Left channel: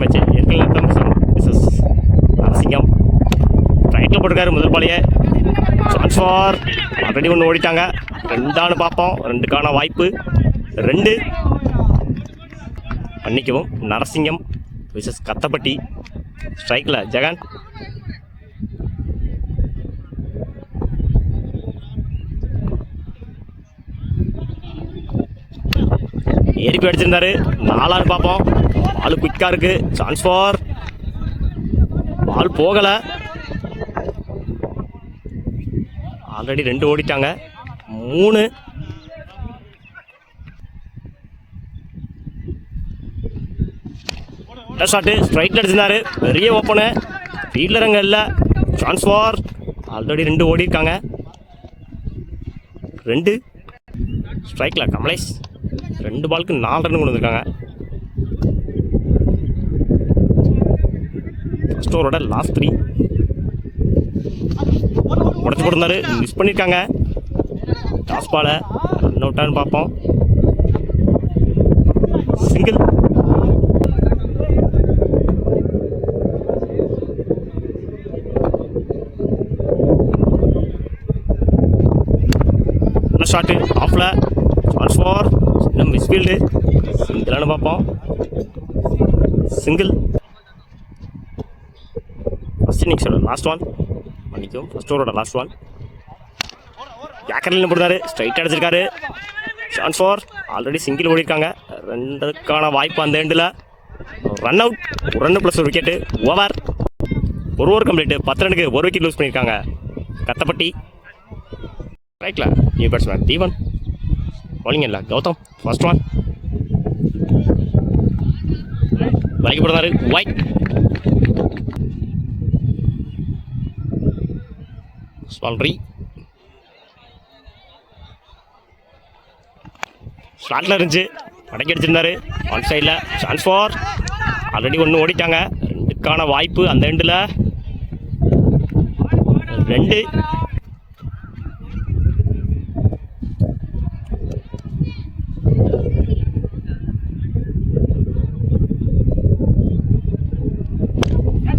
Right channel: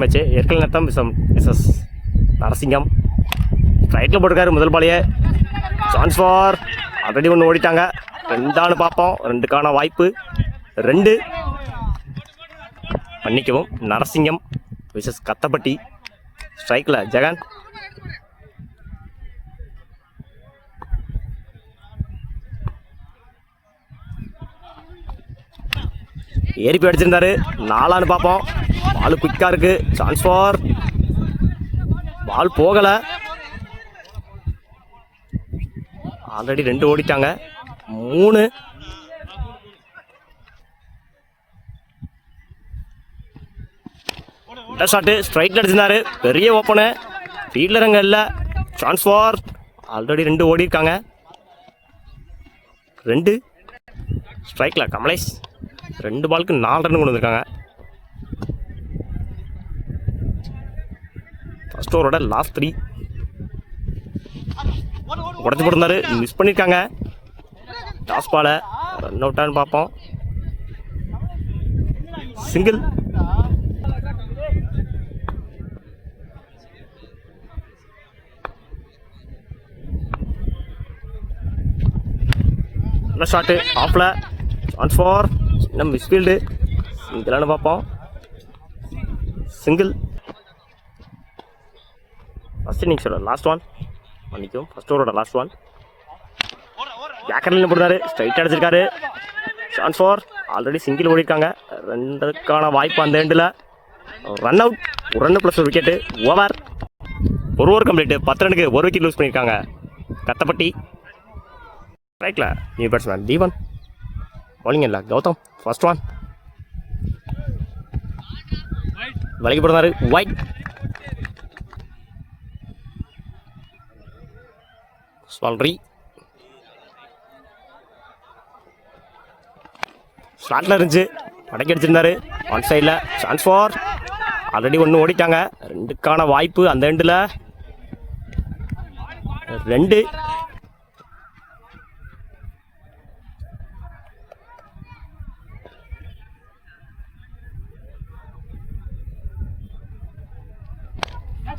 Match ஏற்கனவே Mrs Narasingam ஸ்ட்ரைக்கில் போட்டிருக்காரு முதல் பாலையே. சான்ஸ் ஃபார் ஆல்ரெடி ஒன்று ஓடிட்டாங்க. ரெண்டானு பார்ப்போம். ரெண்டுக்கான வாய்ப்பு 2. மன்னிக்கவும், நரசிங்கம் விசஸ் கத்தப்பட்டி. ஸ்ட்ரைக்கில் ஜெகன். ஏறிப்பி அடிச்சிருந்தாரு. 4 பார்ப்போம். பால் குயிக்காக இருக்கு. சான்ஸ் ஃபார் பால் போகலை. ஆல்ரெடி 2 ஓடிட்டாங்க. 3. ஷாட்டு ஸ்ட்ரைக்கில் அடிச்சிருந்தாரு. பெரிய ஓப்பனு. ஃபீல்டர் அங்கே இல்லை. சான்ஸ் ஃபார் ஆல்ரெடி 2 ஓடி இருக்காங்க. 2 ஸ்ட்ரைக்கில் கமலேஷ். 2 பாலுக்கு 4 ரன் கொண்டு வந்திருக்காங்க. ஃபர்ஸ்ட் ஓவரோட லாஸ்ட் 3 உடச்சி போட்டிருந்தாரு. மிஸ் பண்ணியிருக்காங்க. டாஸ் பாலை ரன் அவுட்டான்னு பார்ப்போம். சிங்கிள். ஷாட்டு ஆஃப்ல. சான்ஸ் ஃபார் இன்னும் மிஸ்ஃபீல்டு. சிங்கிளானு பார்ப்போம். சிங்கிள். ஃபர்ஸ்ட் இன்னிங்ஸோட லாஸ்ட் 1. மன்னிக்கும், ஃபர்ஸ்ட் ஓவரோட லாஸ்ட் 1. ஜாக்கர்லின்னு போடுறாரு. ஸ்ட்ரைட்டாக அடிச்சிருக்காரு. சான்ஸ் ஃபார் ஆல்ரெடி சிங்கிள் ஓடிருக்காங்க. 2க்கான வாய்ப்பு அந்த எண்டில். Run out. 1 run plus 1 wicket. Over. 1 over complete. 10 ரனுக்கு 1 விக்கெட் லூஸ் பண்ணியிருக்காங்க கத்தப்பட்டி. ரைட்ல நியூ பேட்ஸ்மேன் தீவன். பவுலிங் இல்லை கௌதம். ஃபர்ஸ்ட் 1 வலைக்கு போடுறாரு. ஒயிட். ஸ்வால்ரி ஸ்லாட்டில் இருந்துச்சு. அடக்கி அடிச்சிருந்தாரு. ஒன் சைடில். சான்ஸ் ஃபார் ஆல்ரெடி 1 ஓடிட்டாங்க. 2க்கான வாய்ப்பு அந்த எண்டில். 2.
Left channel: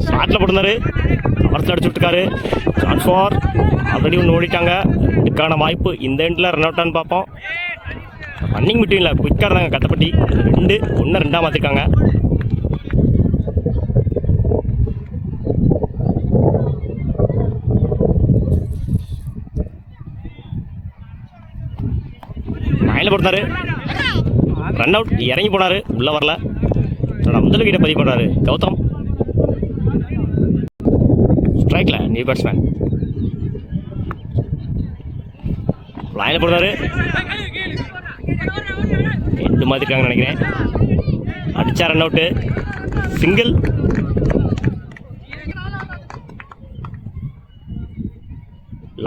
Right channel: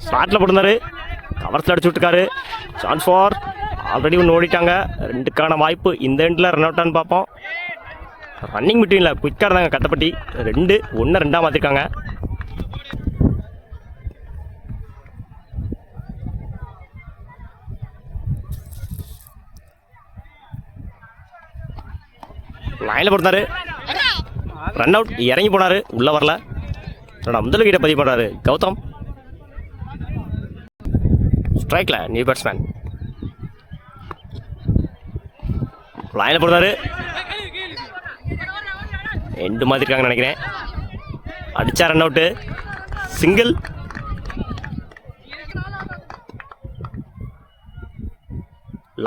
ஸ்லாட்டில் போட்டிருந்தாரு. கவர்ஸில் அடிச்சு விட்டுருக்காரு. சான்ஸ் ஃபார் ஆல்ரெடி 1 ஓடிட்டாங்க. 2க்கான வாய்ப்பு இந்த எண்டில். ரன் அவுட்டான்னு பார்ப்போம். ரன்னிங் பிட்வீனில் குயிக்காக இருந்தாங்க கத்தப்பட்டி. 2 1 2 மாற்றிருக்காங்க. லைனில் போட்டாரு. Run out. இறங்கி போனார். உள்ளே வரல. முதல் விக்கெட்டை பதிவு பண்ணுறாரு கௌதம். ஸ்ட்ரைக்கில் நியூ பேட்ஸ்மேன். லைனில் போடுறாரு. 2 மாதிரி இருக்காங்கன்னு நினைக்கிறேன். அடிச்சா ரன் அவுட்டு. சிங்கிள்.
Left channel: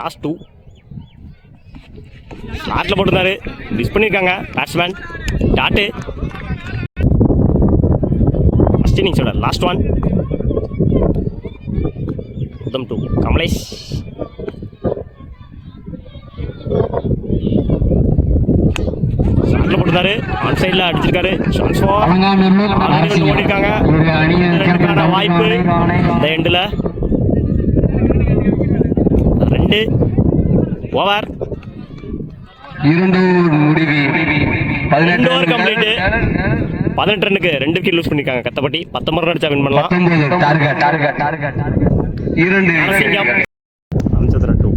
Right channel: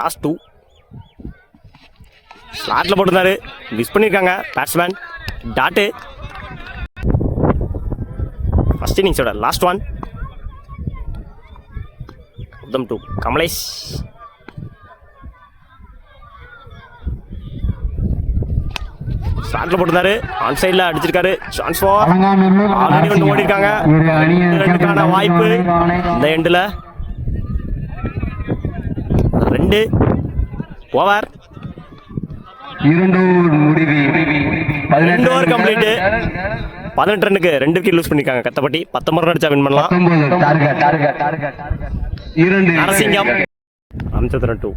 லாஸ்ட் 2 ஸ்லாட்டில் போட்டிருந்தாரு. மிஸ் பண்ணியிருக்காங்க பேட்ஸ்மேன். டாட்டு. ஃபர்ஸ்ட் இன்னிங்ஸோட லாஸ்ட் 1. உதம் 2 கமலேஷ். ஸ்லாட்டில் போட்டிருந்தாரு. ஆன் சைடில் அடிச்சிருக்காரு. சான்ஸ் ஃபார் ஆல்ரெடி 1 ஓடிருக்காங்க. 2க்கான வாய்ப்பு இந்த எண்டில். 2 ஓவர். 2 over complete. 18 ரன்னுக்கு 2 விக்கெட் லூஸ் பண்ணிருக்காங்க கத்தப்பட்டி. 19 ரன் அடிச்சா வின் பண்ணலாம். நரசிங்கம். ராமச்சந்திரன் 2.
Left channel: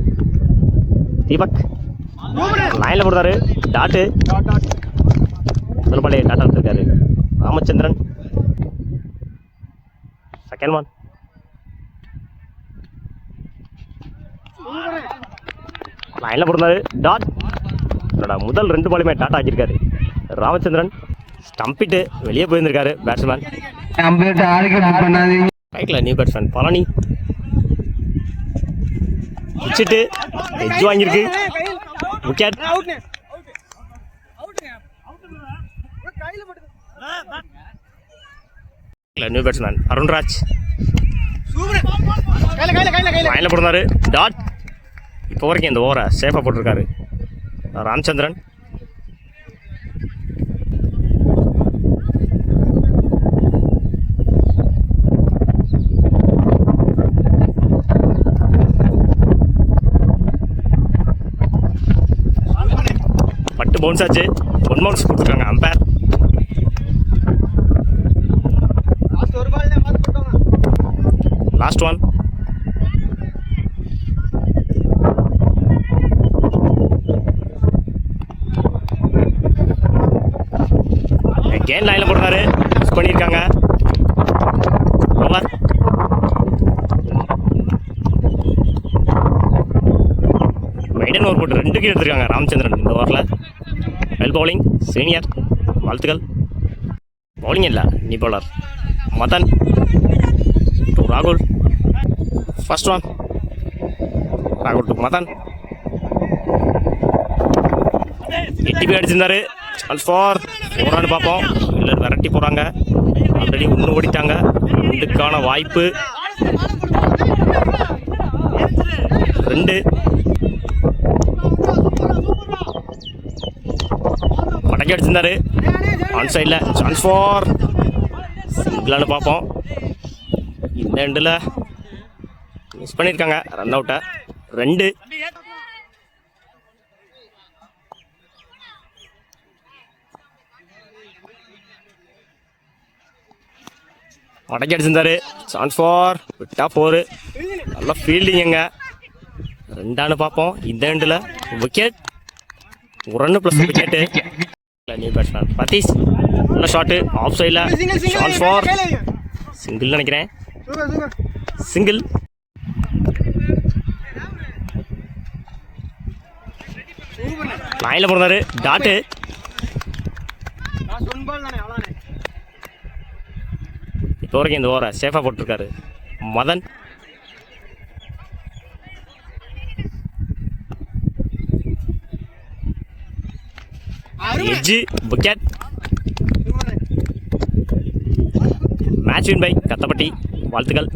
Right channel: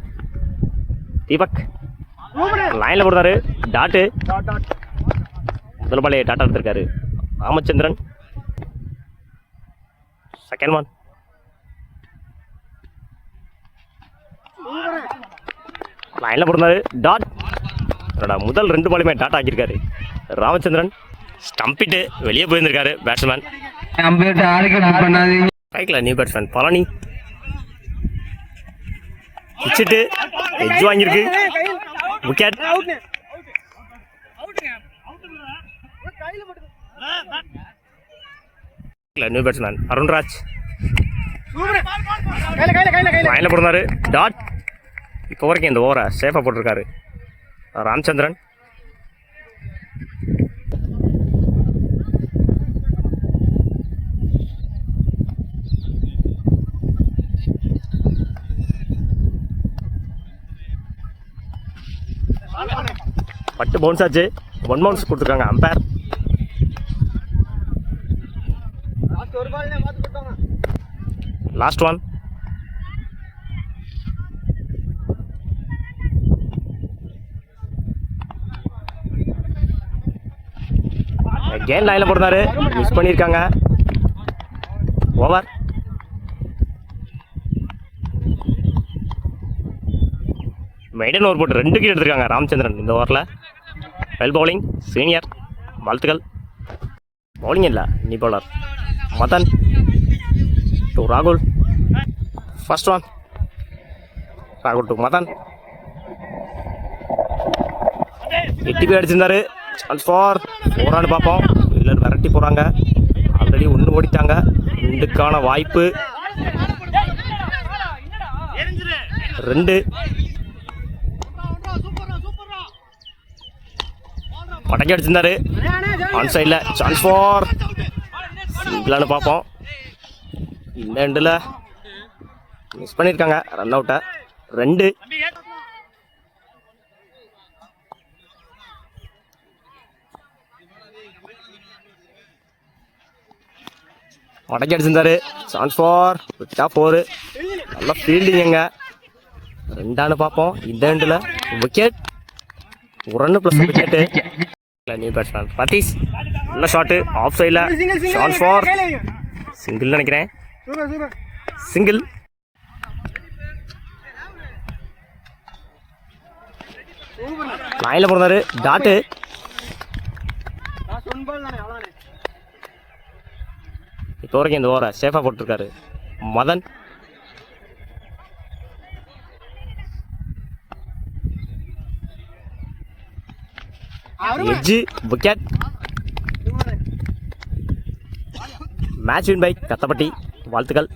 தீபக் லைனில் போடுறாரு. டாட்டு. முதல் பாலே டாட்டா எடுத்திருக்காரு ராமச்சந்திரன். செகண்ட் 1. லைனில் போடுறாரு. டாட். முதல் 2 பாலுமே டாட்டா ஆக்கியிருக்காரு ராமச்சந்திரன். ஸ்டம்பிட்டு வெளியே போயிருந்திருக்காரு பேட்ஸ்மேன். ரைட்டில் நியூ பேட்ஸ்மேன் பழனி. வச்சுட்டு எஜ் வாங்கியிருக்கு. விக்கெட். New batsman Arunraj. லைனில் போடுறாரு. டாட். இப்போ வரைக்கும் இந்த ஓவரை சேஃபாக போட்டிருக்காரு ராமச்சந்திரன். கட்டு பவுன்ஸ் ஆச்சு. 1 பவுன்ஸ் கொடுத்துருக்காங்க அம்பேர். Last one. அகெயின் லைன்ல போடுறாரு. மிஸ் பண்ணியிருக்காங்க. ஓவர். மெய்டன் ஓவர் போட்டு 2 விக்கெட் எடுத்திருக்காங்க ராமச்சந்திரன் இந்த ஓவரில். வெல் பவுலிங் சீனியர், வாழ்த்துக்கள். பவுலிங் இல்லை, நீ பவுலர். மதன் டு ராகுல். First one. ராகுல் டு மதன். 8 பேர் அடிச்சிருந்தாரு. சான்ஸ் ஃபார் 4 ரன் பார்ப்போம். இல்லை விரட்டி போகிறாங்க. ஆல்ரெடி 1 ஓடிட்டாங்க. 2க்கான வாய்ப்பு. 2. மடக்கி அடிச்சிருந்தாரு. ஆன் சைடில் சான்ஸ் ஃபார் சிங்கிளானு பார்ப்போம். இந்த எண்டில் மிஸ் பண்ணியிருக்காங்க. ரன் அவுட்டை. 2. மடக்கி அடிச்சிருந்தாரு. சான்ஸ் ஃபார் விட்டா 4. நல்ல ஃபீல்டிங்க. 2 பார்ப்போம். இந்த எண்டில் wicket. 1 run plus wicket. New batsman Patheesh. நல்ல ஷாட்டு ஆஃப் சைடில். சான்ஸ் ஃபார் சிங்கிள் நினைக்கிறேன். சிங்கிள். லைனில் போடுறாரு. டாட்டு. இப்போ வரைக்கும் இந்த ஓவரை சேஃபாக போட்டிருக்காரு Madhan. Edge wicket. Match win by Kathappatti. வாழ்த்துக்கள்.